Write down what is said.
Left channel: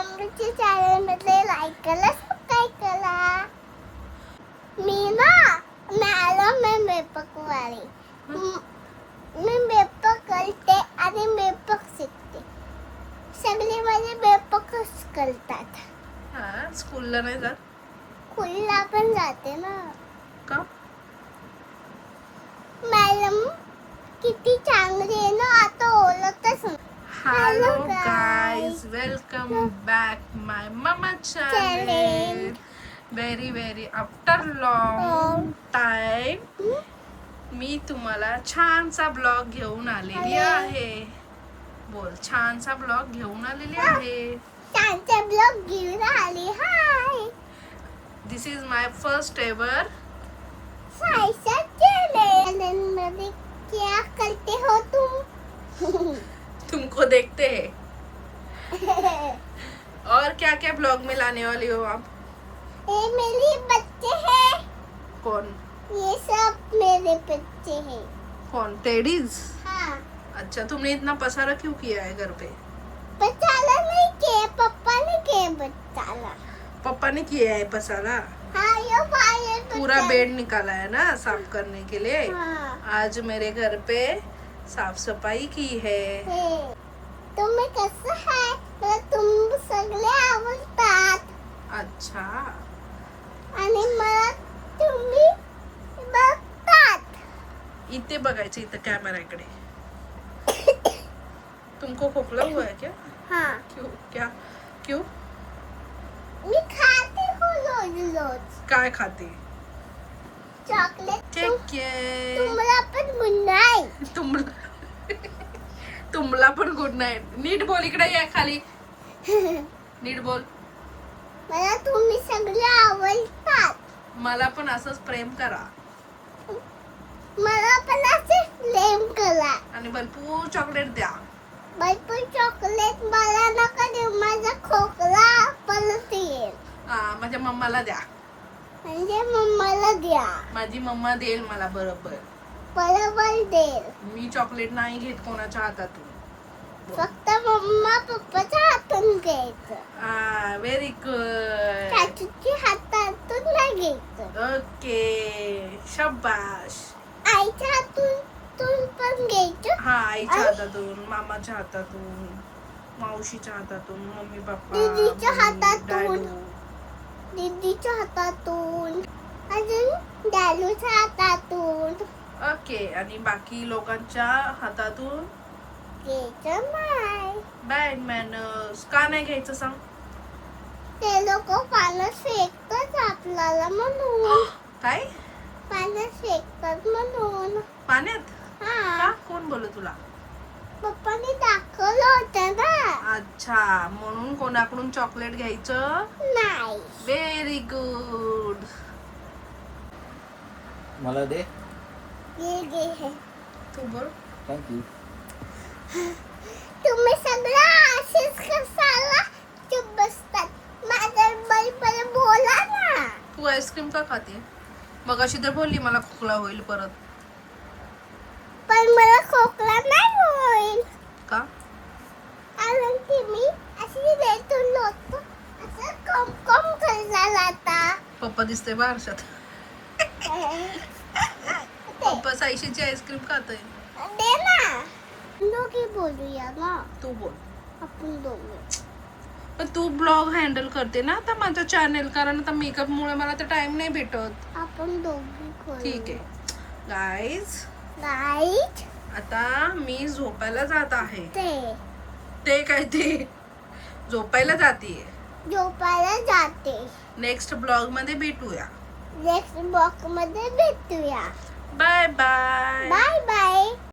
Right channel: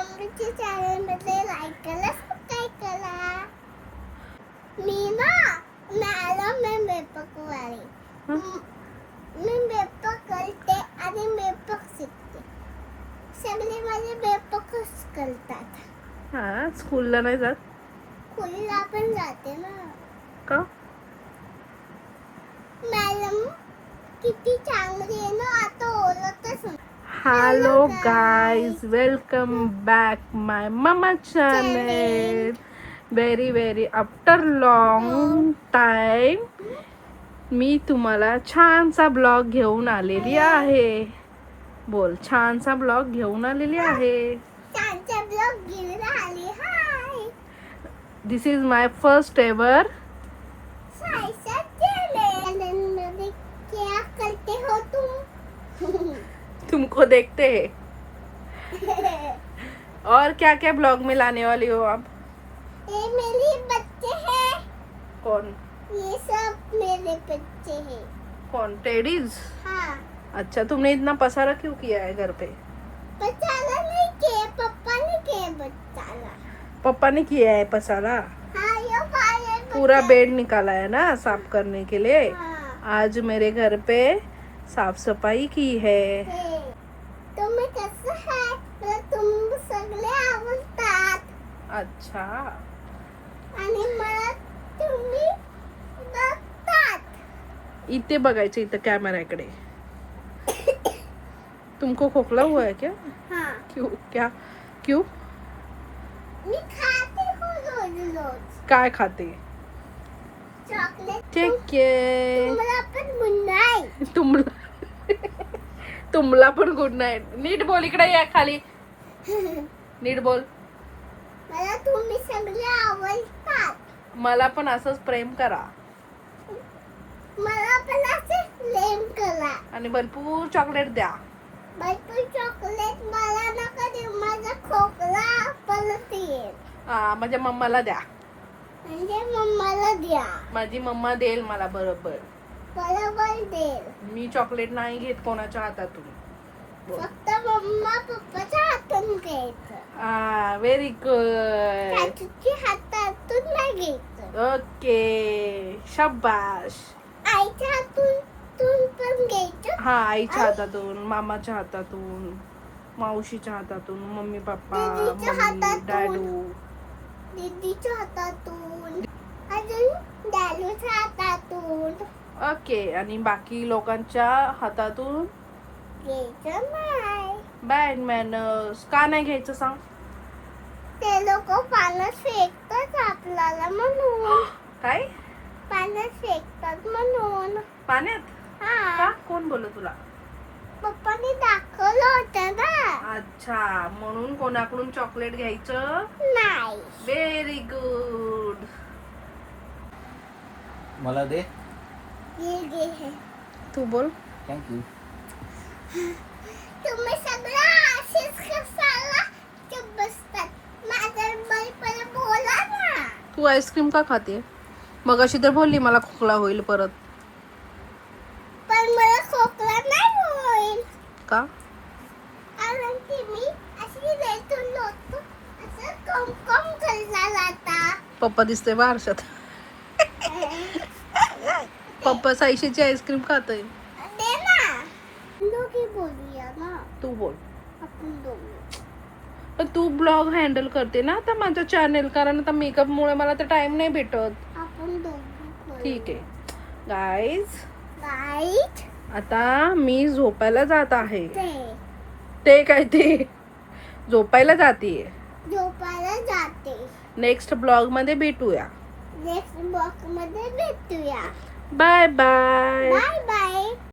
मम्मीच्या चॅनल मध्ये लाईक करा, सबस्क्राईब करा. मी मेपक वाली मी मेपक करते आणि मेपक शिकते. सगळे माझे मेपकच करतात. हा, स्कूलला नाही जात स्कूलला पण जाते ना. का? मॅडम किती चांगली आहे ना, आता ओळखतच नाही. Hello guys. Guys, welcome back my mamma channel. Very after long time मी तुम्हाला छानसा ब्लॉग घेऊन आलेली आहे. बोल, छानसा ब्लॉग घेऊन आलेली आहे. त्यांचा ब्लॉग घेऊन आली. Hi this is my first ever. Saisha channel मध्ये क्या करते हो तुम? तुमको देखते हैं. और क्या क्या ब्लॉग में लाने वाली हो आप? ये मेरे बच्चे हैं. कौन ये सब मेरे बच्चे हैं. कौन? टेडीज. हाँ, अच्छा, तुमने इतना पसारा क्यों किया है घर पे? बचाना नहीं किया, पापा ने किया बचाना. पापा ने किया है पसारा. हाँ, ये पायल पूरा बेड निकाला है ना साफ करने के लिए. हाँ आज मेरे घर पे साफ सफाई की है. है. तुम्ही कसं आहे? मला तुम सगळे आवडतात अच्छा, आणि मला तुम्ही बघतात. इथे बघायचं, इथे कॅमेराकडे. तुमको खोकला हुआ है क्या? हाँ, क्यों? क्या? क्यों? मी खाते हो रोज काय खाते? चॉकलेट. ठीक आहे. तुम्हाला पण मुन्नाई. तुमला पण गुड नाईट. नीट बोल, इकडे या खाली. नीट बोल. मला तुम्ही सगळे आवडतात. मला पण असंच प्रेम करा मला पण असे प्रेम करा. आणि भरपूर चॉकलेट द्या. भरपूर चॉकलेट मला नका देऊ. माझा खोकला परत येईल. हा, माझ्या मम्माला द्या. म्हणजे मम्माला द्या. माझी मम्मा देईल मला बरोबर. बरोबर देईल. मी चॉकलेट नाही घेत कोणाच्या हातातून. फक्त मम्मा पप्पाच्या हातून घ्यायचं. हा, व्हेरी गुड. चाचूच्या हातातून नाही घ्यायचं. ओके, शाबाश. आईच्या हातून पण घ्यायचं. हा, आईच्या हातातून, मामाच्या हातातून, मावशीच्या हातातून, मम्मी पप्पा, दीदीच्या मम्मी, हातातून. डॅडू. दीदीच्या हातातून. अजून डॅडूच्या हातातून ओके, आणि बाकी लोकांच्या हातातून घ्यायचं नाही. Bad manners. का नाही घ्यायचं सांग? ते लोक पाण्यात फेकतात आपल्याला म्हणून. काय? पाण्यात फेकतात म्हणून. पाण्यात? हा, का? कोण बोललं तुला? पप्पाने दाखवलं होतं ना. अच्छा, म्हणून कोणाकडून चॉकलेट घ्यायचं नाही. Very good. मला दे. घे. तू बोल. थँक्यू. तुम्ही सगळं असेच कसाला चुप बसतात. माझ्या बरोबर बोला ना. तू आईस्क्रीम का खाते? मग अशी तर बोलली मला खोकला होईल परत. पण मला खोकला नाही होईल. का? कारण की मी अशी रेटून होतो. असं कम करला आता. पप्पा दिसते बा आरशात. पप्पा साईशीची आईस्क्रीम खात आहे. दे ना. दोघी बोलूया ना. तू बोल. आपण दोघी. पण तू ब्लॉग हँडल करते ना आता माझं चॅनेल, कारण आता मेकअप मुळे मला तर टाइम नाही भेटत. आपण दोघी करू. ठीक आहे गाईज, राईट. आता मी झोपायला जात आहे. ते काय ते झोपायला जाते. झोपायला जाते. नेक्स्ट ब्लॉग मध्ये भेटूया. नेक्स्ट बॉक्स मध्ये भेटूया. Bye bye. Bye bye.